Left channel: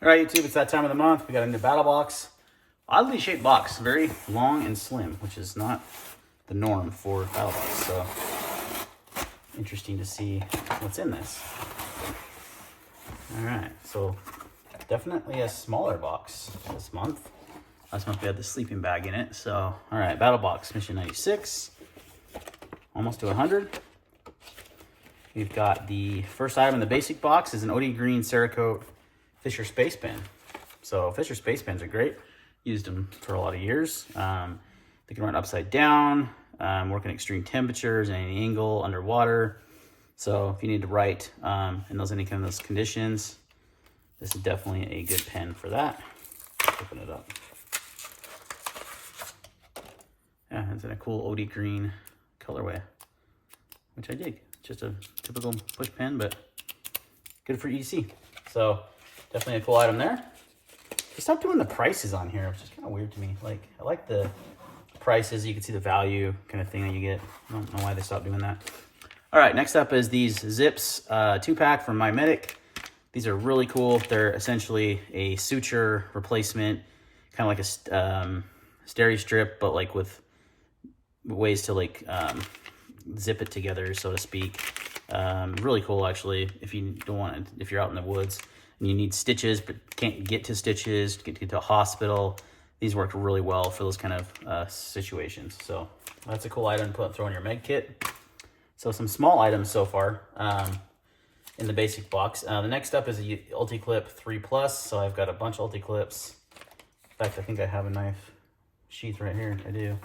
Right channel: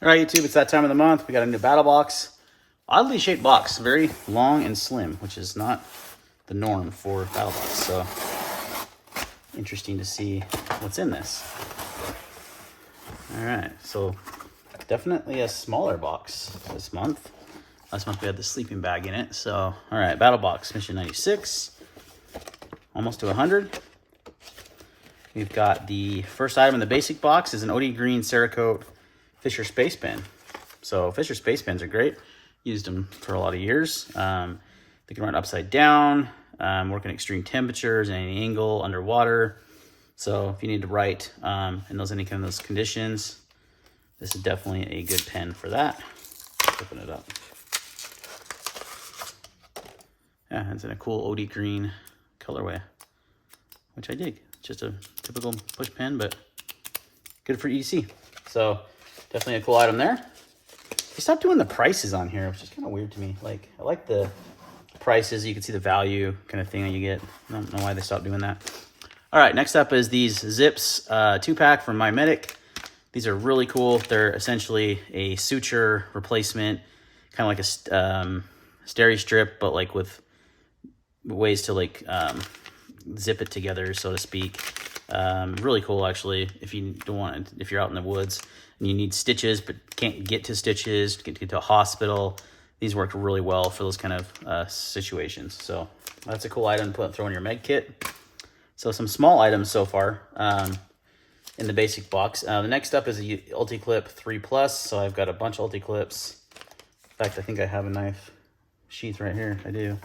All right, YouTube, it's that time of the month. We got a new Battlbox. Oddly shaped box, very long and slim, which is not the norm for Battlbox. So, interesting to see what's in this. All right, so definitely a smaller box this month. Last month we had the sleeping bag in it. So, all right, Battlbox Mission 96, almost to 100. We've got the first item in the basic box is an OD Green Cerakote Fisher Space Pen. So Fisher Space Pens are great. Used them for a lot of years. They can run upside down, work in extreme temperatures, any angle, underwater. So if you need to write in any kind of those conditions, this is definitely a good pen for that. Let's open it up. Yeah, it's in a cool OD green colorway, which I dig. Just a typical push pen, but good for EDC. So definitely a cool item there. They stopped doing the prices on here, which is kind of weird to me. Like, I like the prices. You can see the value kind of thing that you get. I don't know why they stopped doing that. All right, next up is these Zips 2-pack from My Medic. These are really cool. They're essentially a suture replacement, kind of like a steri strip, but like with ways to like zip it together, so to speak. Really cool, actually, if you don't want it, if you're out in the woods and you need stitches but can't get to stitches, get to a hospital. These work really well for those kind of situations. So that's a cool item to throw in your med kit. So some small items so far in the basic box. The next up is a Ulti-Clip 3 Plus. So I've got a bunch of Ulti-Clips. In fact, I think I have a knife sheath right here. I do.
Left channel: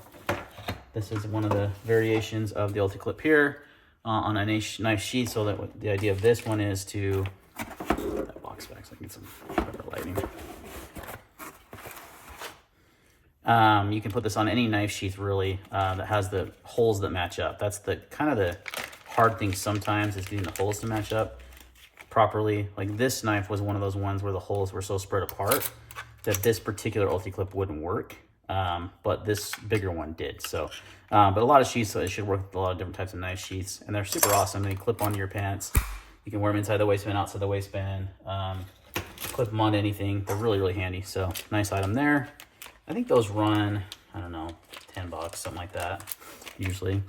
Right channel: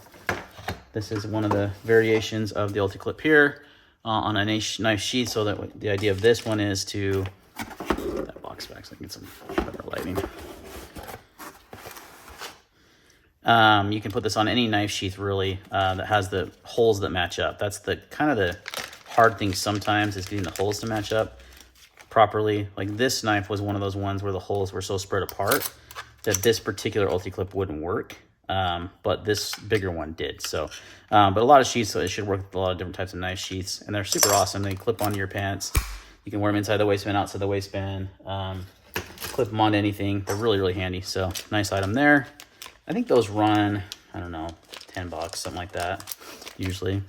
This is one of the variations of the Ulti-Clip here on a knife sheath. So that the idea of this one is to that box back so I can get some better lighting. You can put this on any knife sheath really that has the holes that match up. That's the kind of the hard thing sometimes, is getting the holes to match up properly. Like this knife was one of those ones where the holes were so spread apart that this particular Ulti-Clip wouldn't work. But this bigger one did. So, but a lot of sheaths, so it should work with a lot of different types of knife sheaths, and they're super awesome. They clip onto your pants. You can wear them inside the waistband, outside the waistband, clip them onto anything. They're really, really handy. So nice item there. I think those run, I don't know, $10, something like that, usually.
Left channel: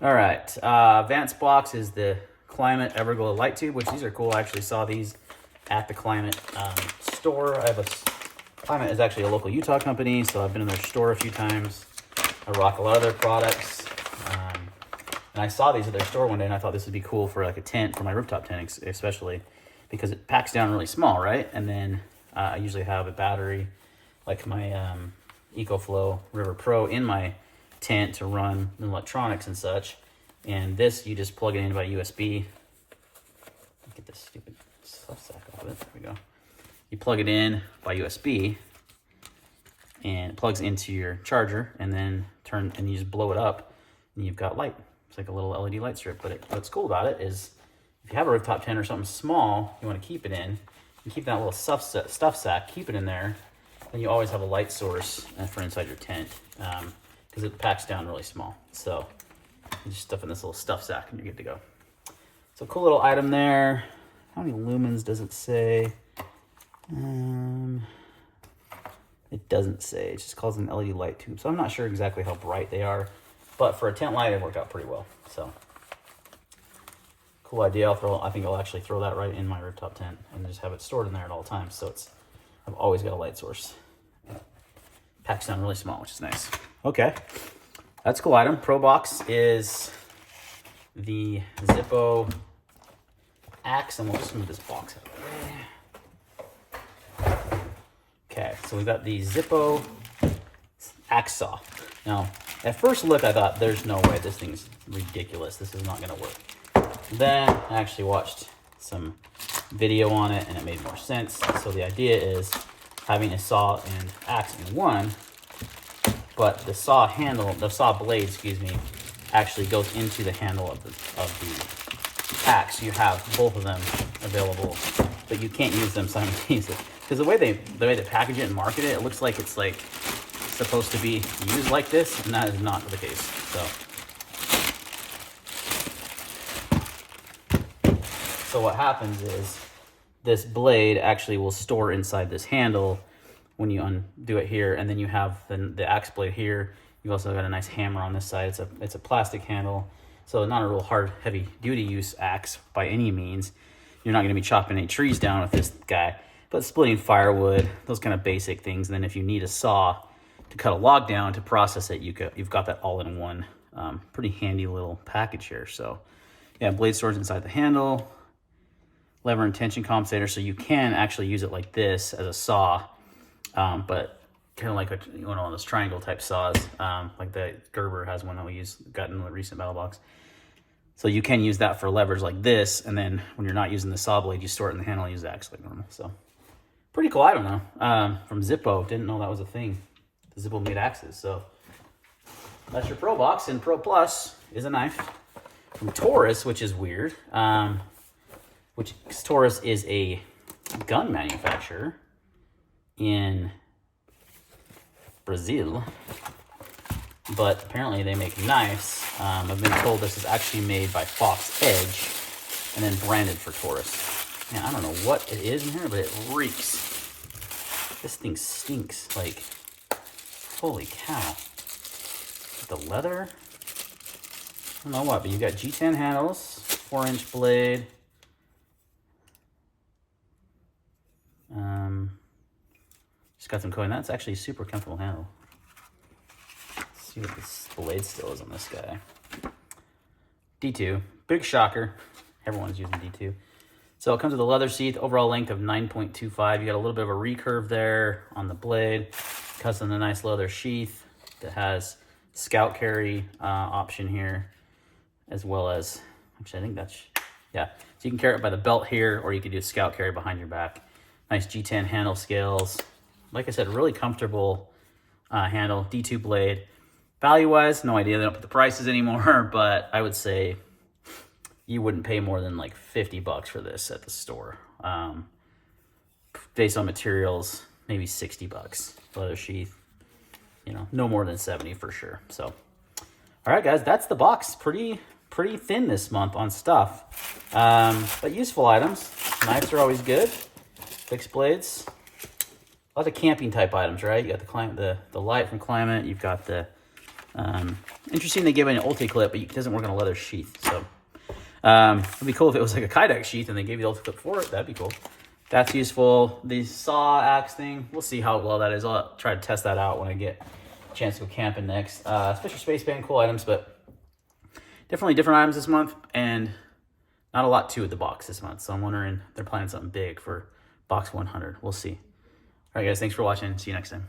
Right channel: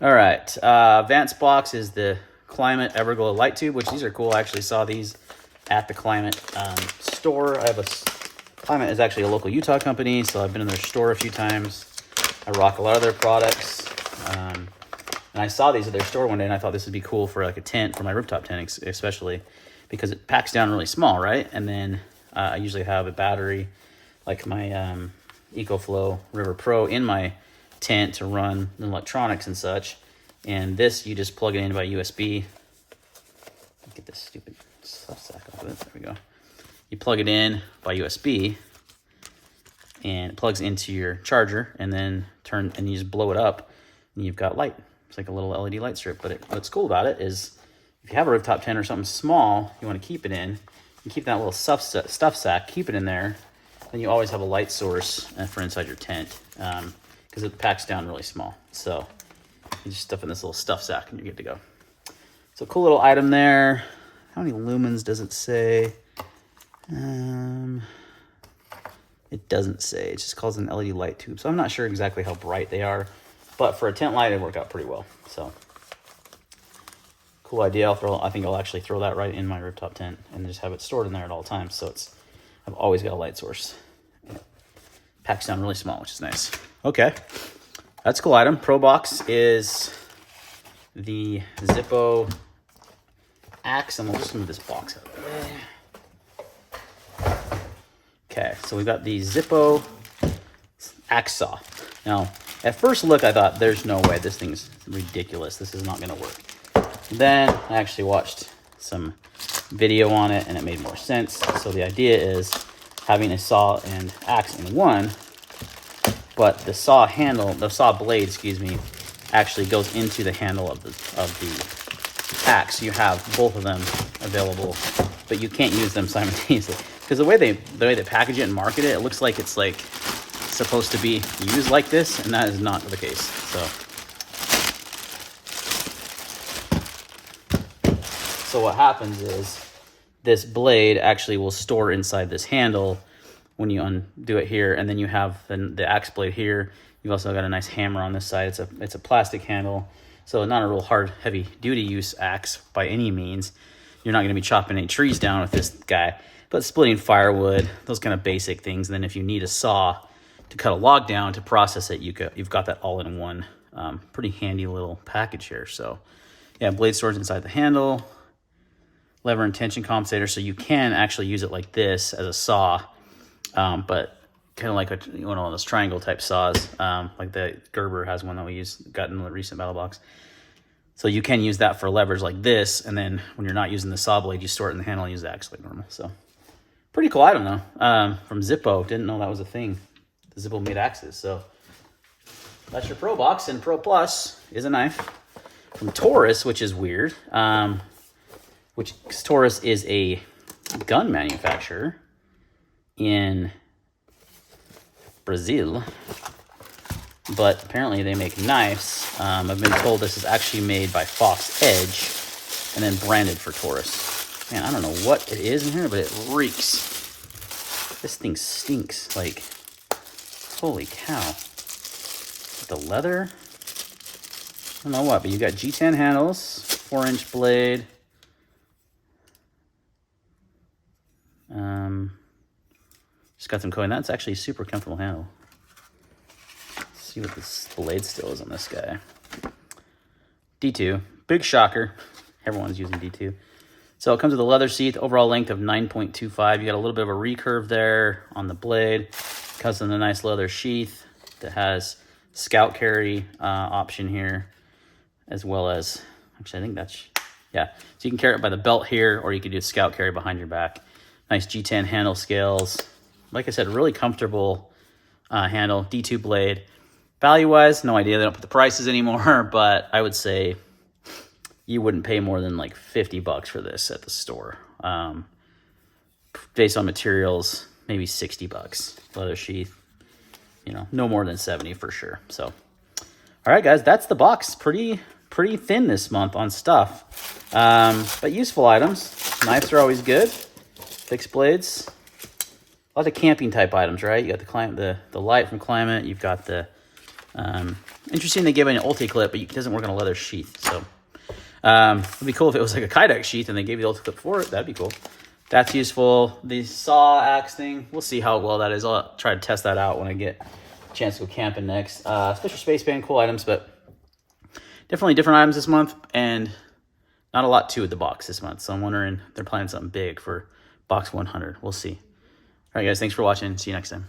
All right, Vance box is the Climate Everglow light tube, which these are cool. I actually saw these at the Climate store. Climate is actually a local Utah company, so I've been in their store a few times. I rock a lot of their products. And I saw these at their store one day, and I thought this would be cool for like a tent, for my rooftop tent especially, because it packs down really small, right? And then I usually have a battery, like my EcoFlow River Pro, in my tent to run electronics and such. And this, you just plug it in by USB. Get this stupid stuff sack off of it. There we go. You plug it in by USB, and it plugs into your charger, and then you just blow it up, and you've got light. It's like a little LED light strip. But what's cool about it is, if you have a rooftop tent or something small you want to keep it in, you keep that little stuff sack, keep it in there, and you always have a light source for inside your tent, because it packs down really small. So you just stuff in this little stuff sack, and you're good to go. So cool little item there. How many lumens does it say? It doesn't say. It just calls it an LED light tube. So I'm not sure exactly how bright they are, but for a tent light, it worked out pretty well. So cool idea. I think I'll actually throw that right in my rooftop tent and just have it stored in there at all times. So I've always got a light source. Packs down really small, which is nice. Okay, that's a cool item. Pro box is the Zippo axe, and we'll just move this box out. Okay, so we've got the Zippo axe saw. Now, at first look, I thought, there's no way, this thing's ridiculous. This is not gonna work. Then I actually watched some video on it, and it made more sense. So the idea is having a saw and axe in one, but the saw blade, actually goes into the handle of the axe. You have both of them available, but you can't use them simultaneously. Because the way they package it and market it, it looks like it's like supposed to be used like this, and that is not the case. So what happens is this blade actually will store inside this handle when you undo it here, and then you have the axe blade here. You've also got a nice hammer on this side. It's a plastic handle, so not a real hard, heavy duty use axe by any means. You're not going to be chopping any trees down with this guy, but splitting firewood, those kind of basic things. And then if you need a saw to cut a log down to process it, you've got that all in one. Pretty handy little package here. So yeah, blade storage inside the handle, lever and tension compensator, so you can actually use it like this as a saw, but kind of like one of those triangle type saws, like the Gerber has one that we got in the recent Battlbox. So you can use that for levers like this, and then when you're not using the saw blade, you store it in the handle and use the axe like normal. So pretty cool item though. From Zippo, didn't know that was a thing. The Zippo made axes, so that's your Pro Box, and Pro Plus is a knife from Taurus, which is weird. Cause Taurus is a gun manufacturer in Brazil, but apparently they make knives. I've been told this is actually made by Fox Edge and then branded for Taurus. Man, I don't know what it is in here, but it reeks. This thing stinks. Like, holy cow. The leather? I don't know what, but you got G10 handles, 4-inch blade. Just got some coin. That's actually a super comfortable handle. Let's see what this blade still is on this guy. D2, big shocker. Everyone's using D2. So it comes with a leather sheath, overall length of 9.25. You got a little bit of a recurve there on the blade. Comes in a nice leather sheath that has scout carry option here, as well as, actually I think that's, yeah. So you can carry it by the belt here, or you could do scout carry behind your back. Nice G10 handle scales. Like I said, really comfortable handle, D2 blade. Value-wise, no idea. They don't put the prices anymore, but I would say you wouldn't pay more than like $50 for this at the store. Based on materials, maybe $60. Leather sheath, you know, no more than 70 for sure. So, all right, guys, that's the box. Pretty thin this month on stuff, but useful items. Knives are always good. Fixed blades. A lot of camping type items, right? You got the light from Climate. You've got the interesting. They give an Ulti clip, but it doesn't work on a leather sheath. So it'd be cool if it was like a Kydex sheath and they gave you the Ulti clip for it. That'd be cool. That's useful. The saw axe thing, we'll see how well that is. I'll try to test that out when I get a chance to go camping next. Special space band, cool items, but definitely different items this month, and not a lot to the box this month. So I'm wondering if they're planning something big for box 100. We'll see. All right, guys, thanks for watching. See you next time.